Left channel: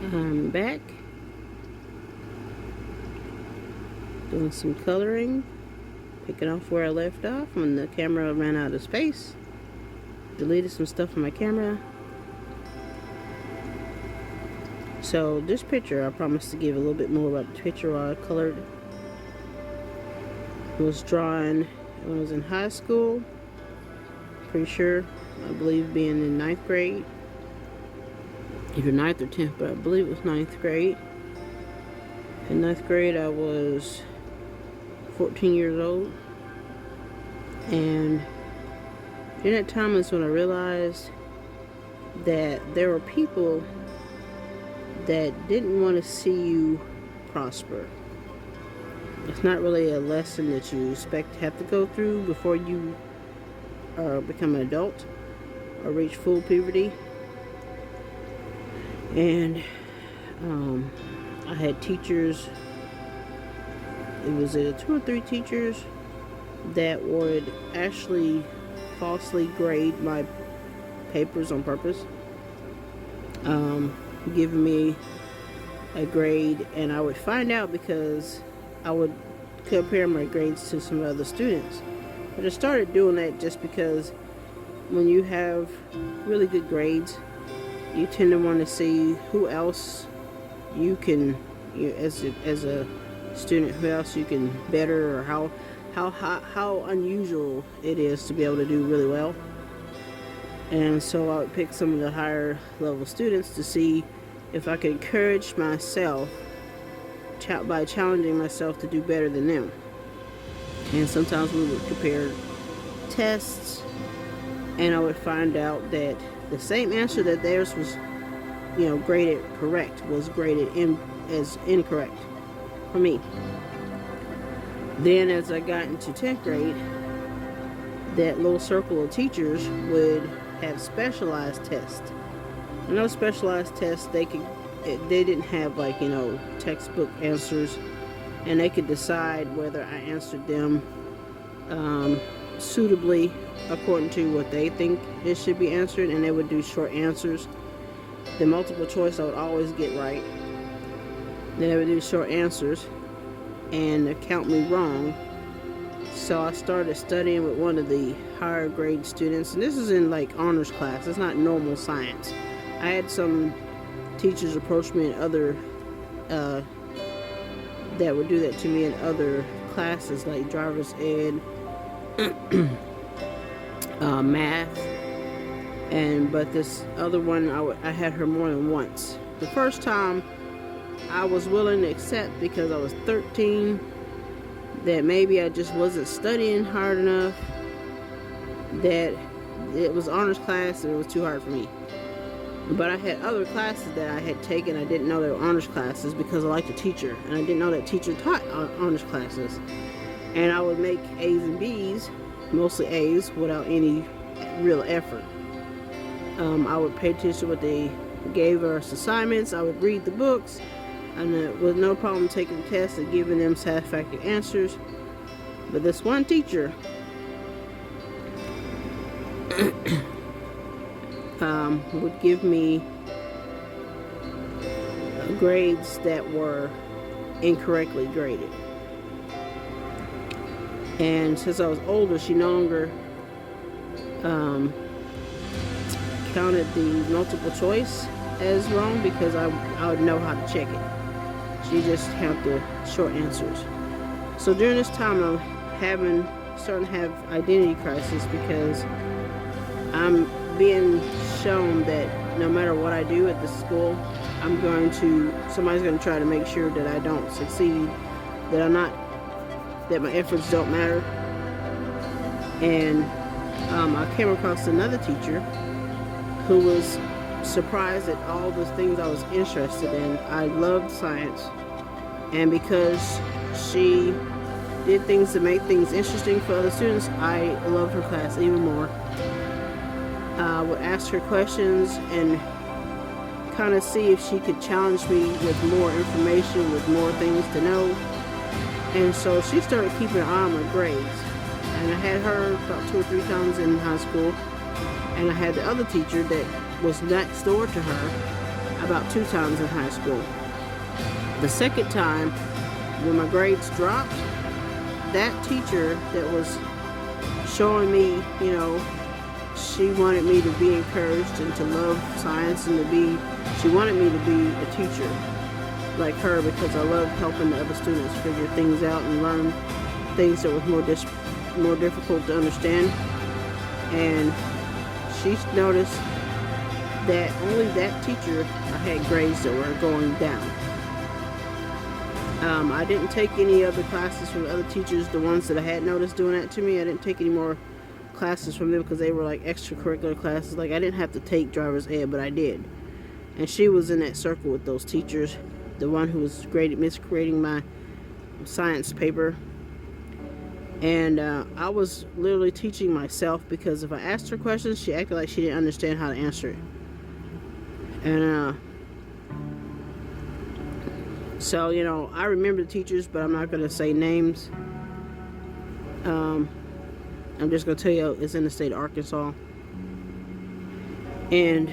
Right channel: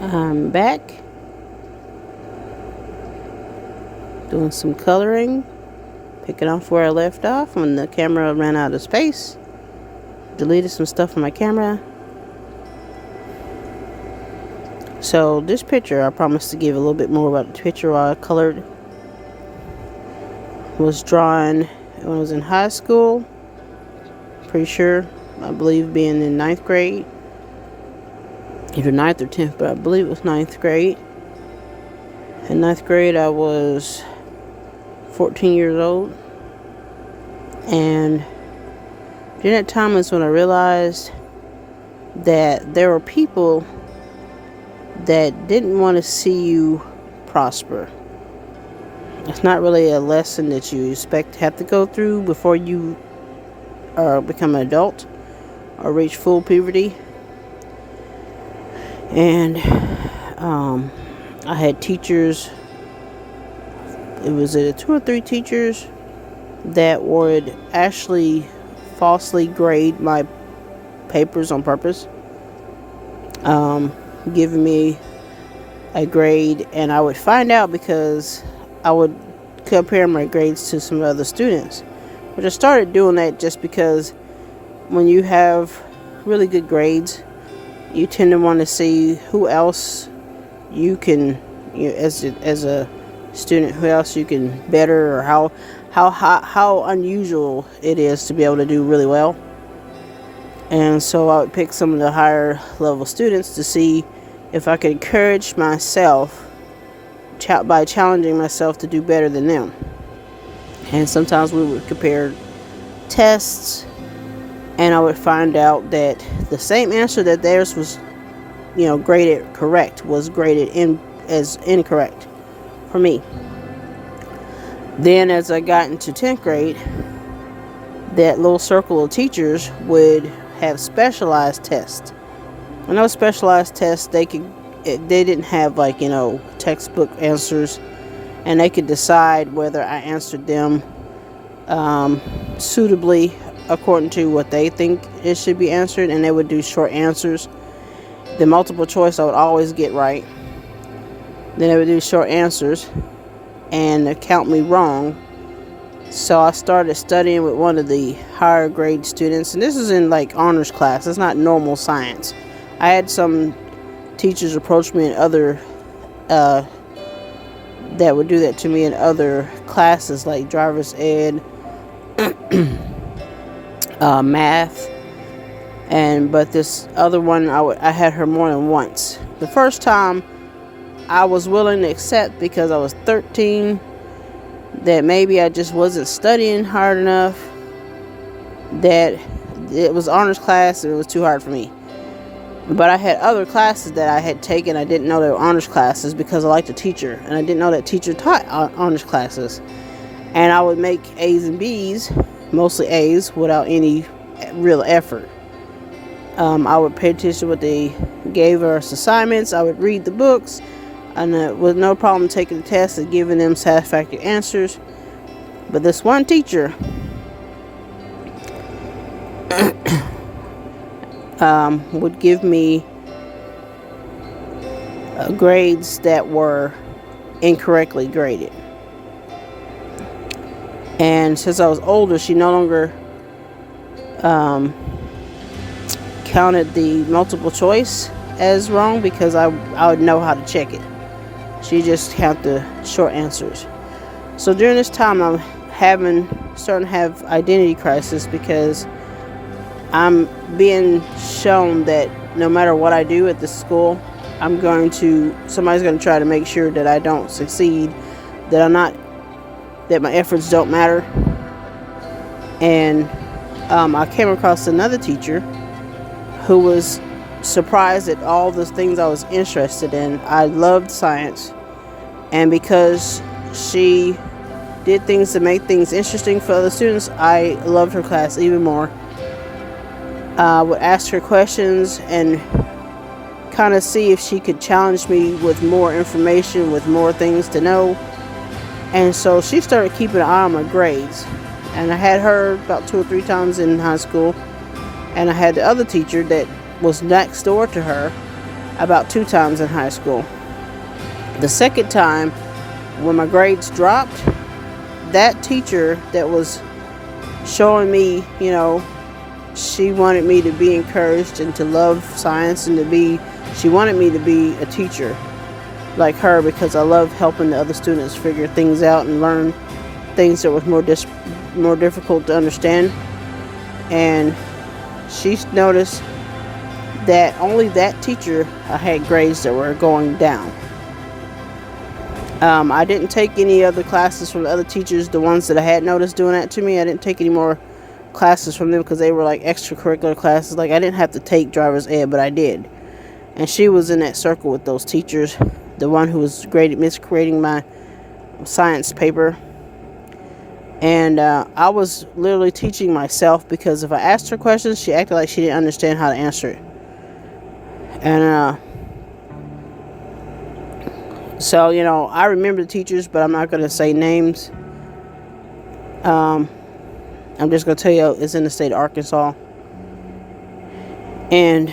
I'm back doing some coloring, picking off where I left off when the camera ran out of space. Deleted some stuff from my camera. So this picture, I promised to give a little bit more about the picture while I colored. Was drawn when I was in high school. Pretty sure, I believe being in 9th grade. Either 9th or 10th, but I believe it was 9th grade. In 9th grade, I was 14 years old. And during that time is when I realized that there were people that didn't want to see you prosper. It's not really a lesson that you expect to have to go through before you become an adult or reach full puberty. And I had teachers, it was 2 or 3 teachers that would actually falsely grade my papers on purpose, giving me a grade, and I would find out because I would compare my grades to some other students. But I started doing that just because when you have really good grades, you tend to want to see who else you can, as a student, who else you can better, or how unusual it is to be able to do really well. And so I would pick some of the higher level students to see if I could encourage myself by challenging myself to do better than them. And sometimes we would compare tests, and I would find out that the same answer that theirs was, graded correct, was graded as incorrect for me. Then as I got into 10th grade, that little circle of teachers would have specialized tests. And those specialized tests, they didn't have textbook answers, and they could decide whether I answered them suitably according to what they think it should be answered, and they would do short answers. The multiple choice I would always get right. Then they would do short answers and count me wrong. So I started studying with one of the higher grade students, and this is in honors class. It's not normal science. I had some teachers approach me in other that would do that to me in other classes like driver's ed, math, but this other one I had her more than once. The first time I was willing to accept because I was 13, that maybe I just wasn't studying hard enough, that it was honors class and it was too hard for me. But I had other classes that I had taken. I didn't know they were honors classes because I liked the teacher, and I didn't know that teacher taught honors classes. And I would make A's and B's, mostly A's, without any real effort. I would pay attention to what they gave us assignments. I would read the books, and with no problem taking the test and giving them satisfactory answers. But this one teacher would give me grades that were incorrectly graded. And since I was older, she no longer counted the multiple choice as wrong because I would know how to check it. She just counted the short answers. So during this time, I'm starting to have identity crisis because I'm being shown that no matter what I do at this school, somebody's going to try to make sure that I don't succeed, that my efforts don't matter. And I came across another teacher who was surprised at all the things I was interested in. I loved science, and because she did things to make things interesting for other students, I loved her class even more. I would ask her questions and kind of see if she could challenge me with more information, with more things to know. And so she started keeping an eye on my grades. And I had her about 2 or 3 times in high school. And I had the other teacher that was next door to her about 2 times in high school. The second time, when my grades dropped, that teacher that was showing me, she wanted me to be encouraged and to love science and she wanted me to be a teacher like her, because I love helping the other students figure things out and learn things that was more difficult to understand. And she noticed that only that teacher I had grades that were going down. I didn't take any other classes from the other teachers, the ones that I had noticed doing that to me. I didn't take any more classes from them because they were like extracurricular classes. Like, I didn't have to take driver's ed, but I did. And she was in that circle with those teachers, the one who was misgrading my science paper. And I was literally teaching myself, because if I asked her questions, she acted like she didn't understand how to answer it. And so, I remember the teachers, but I'm not going to say names. I'm just going to tell you it's in the state of Arkansas. And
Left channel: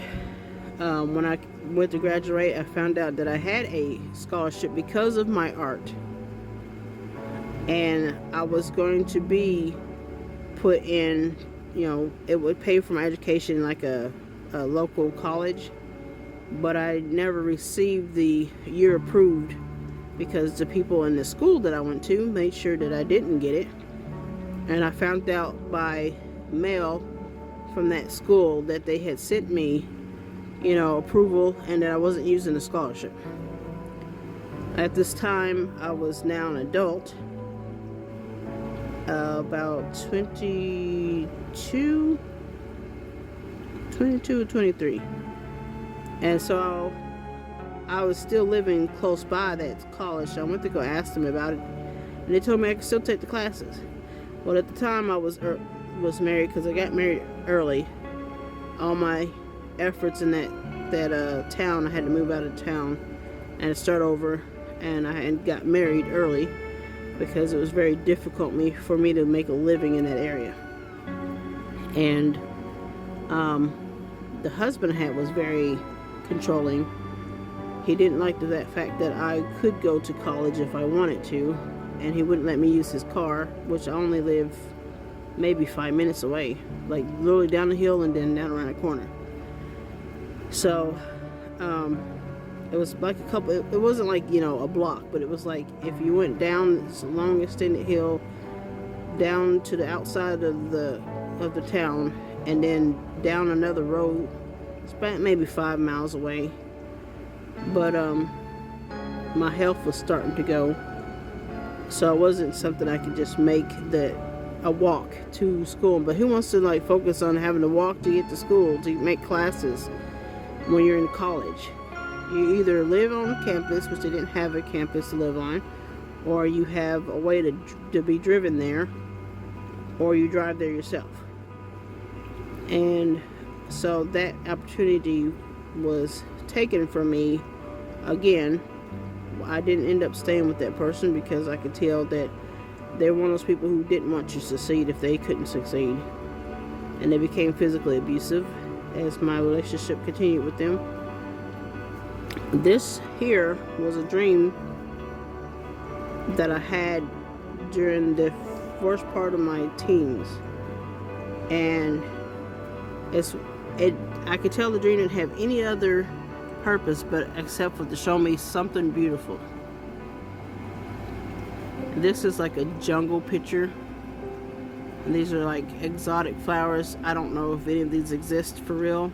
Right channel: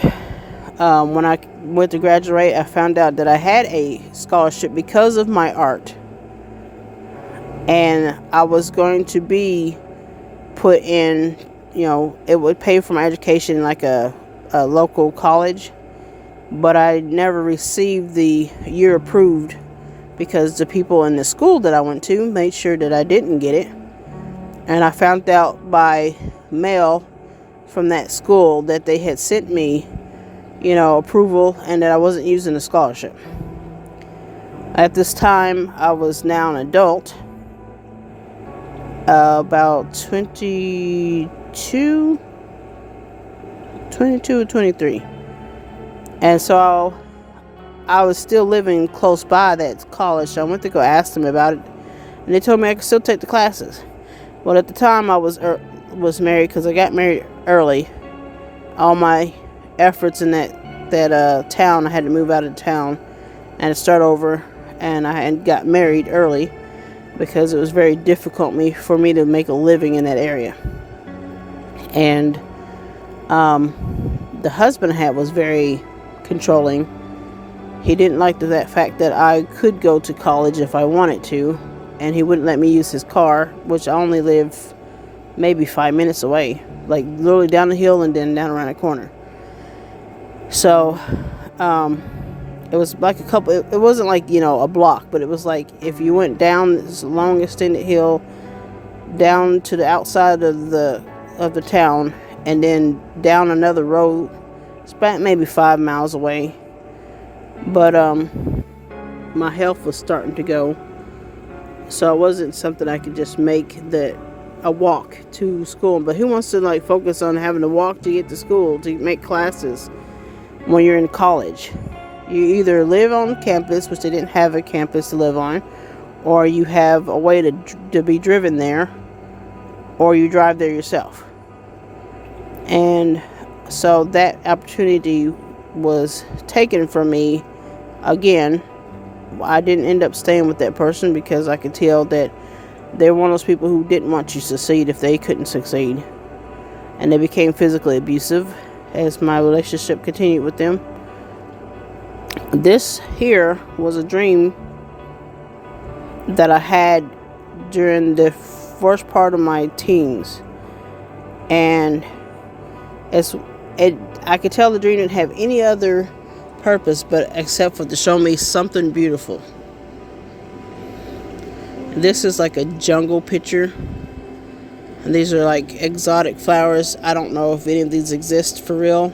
when I went to graduate, I found out that I had a scholarship because of my art. And I was going to be put in, it would pay for my education in like a local college. But I never received the year approved because the people in the school that I went to made sure that I didn't get it. And I found out by mail from that school that they had sent me, approval, and that I wasn't using the scholarship. At this time, I was now an adult, about 22 or 23. And so I was still living close by that college, so I went to go ask them about it, and they told me I could still take the classes. Well, at the time I was married, because I got married early. All my efforts in that town, I had to move out of town and start over, and I got married early because it was very difficult for me to make a living in that area. And the husband I had was very controlling. He didn't like that fact that I could go to college if I wanted to, and he wouldn't let me use his car, which I only live maybe 5 minutes away, like literally down the hill and then down around the corner. So it was like it wasn't like a block, but it was like if you went down this long extended hill down to the outside of the town and then down another road. It's about maybe 5 miles away. But my health was starting to go, so it wasn't something I could just make a walk to school. But who wants to focus on having to walk to get to school to make classes when you're in college? You either live on campus, which they didn't have a campus to live on, or you have a way to be driven there, or you drive there yourself. And so that opportunity was taken from me again. I didn't end up staying with that person because I could tell that they're one of those people who didn't want you to succeed if they couldn't succeed. And they became physically abusive as my relationship continued with them. This here was a dream that I had during the first part of my teens. And I could tell the dream didn't have any other purpose except for to show me something beautiful. This is like a jungle picture, and these are like exotic flowers. I don't know if any of these exist for real.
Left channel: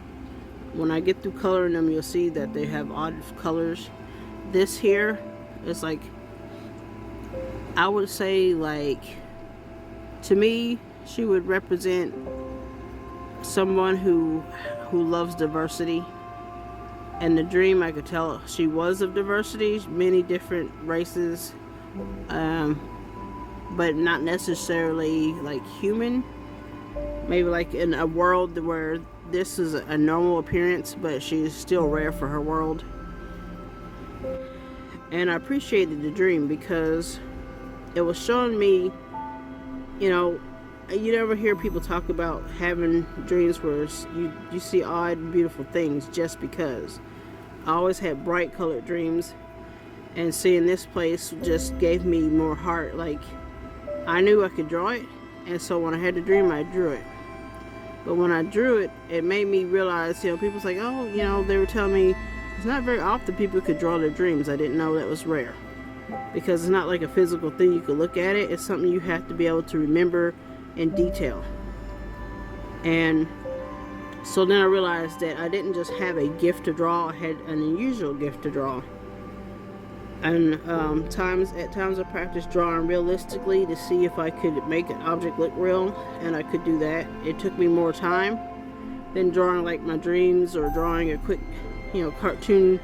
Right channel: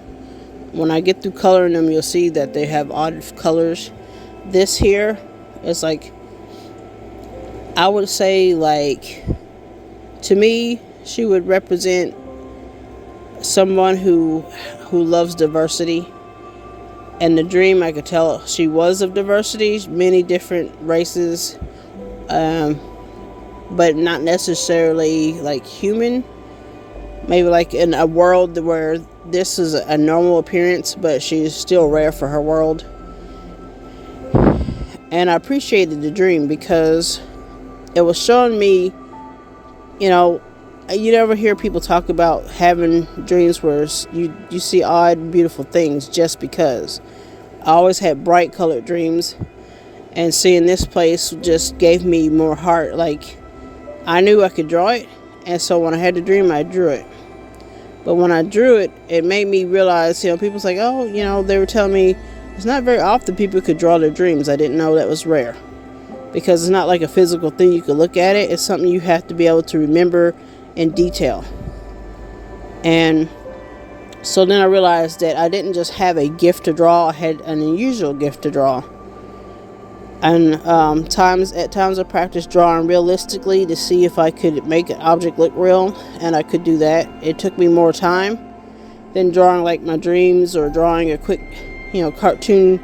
When I get through coloring them, you'll see that they have odd colors. This here is I would say to me, she would represent someone who loves diversity. And the dream, I could tell she was of diversity, many different races, but not necessarily human. Maybe in a world where this is a normal appearance, but she's still rare for her world. And I appreciated the dream because it was showing me, you never hear people talk about having dreams where you see odd, beautiful things just because. I always had bright colored dreams, and seeing this place just gave me more heart. Like, I knew I could draw it, and so when I had the dream, I drew it. But when I drew it, it made me realize, people's like, oh, they were telling me it's not very often people could draw their dreams. I didn't know that was rare, because it's not like a physical thing you could look at it. It's something you have to be able to remember in detail. And so then I realized that I didn't just have a gift to draw, I had an unusual gift to draw. And at times I practiced drawing realistically to see if I could make an object look real, and I could do that. It took me more time than drawing like my dreams, or drawing a quick, cartoon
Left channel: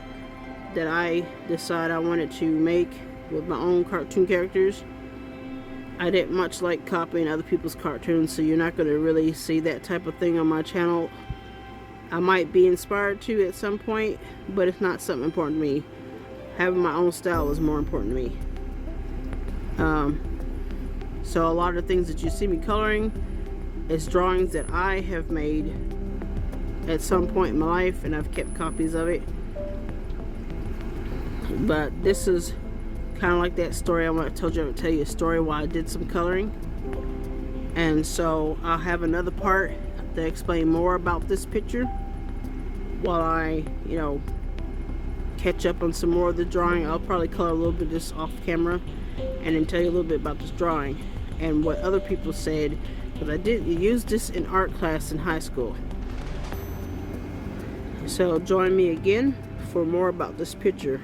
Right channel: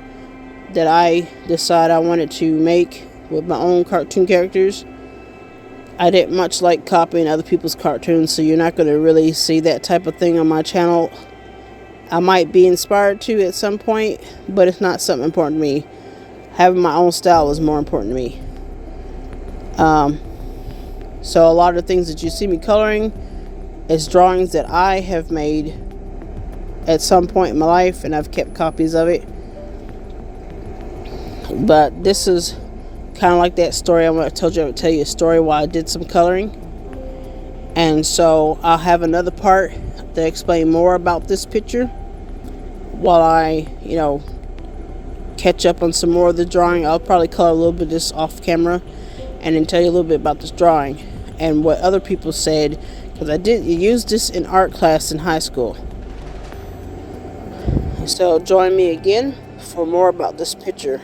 that I decide I wanted to make with my own cartoon characters. I didn't much like copying other people's cartoons, so you're not going to really see that type of thing on my channel. I might be inspired to at some point, but it's not something important to me. Having my own style is more important to me. So a lot of the things that you see me coloring is drawings that I have made at some point in my life, and I've kept copies of it. But this is kind of like that story I told you I would tell you a story while I did some coloring. And so I'll have another part to explain more about this picture while I, catch up on some more of the drawing. I'll probably color a little bit of this off camera and then tell you a little bit about this drawing and what other people said, because I did use this in art class in high school. So join me again for more about this picture.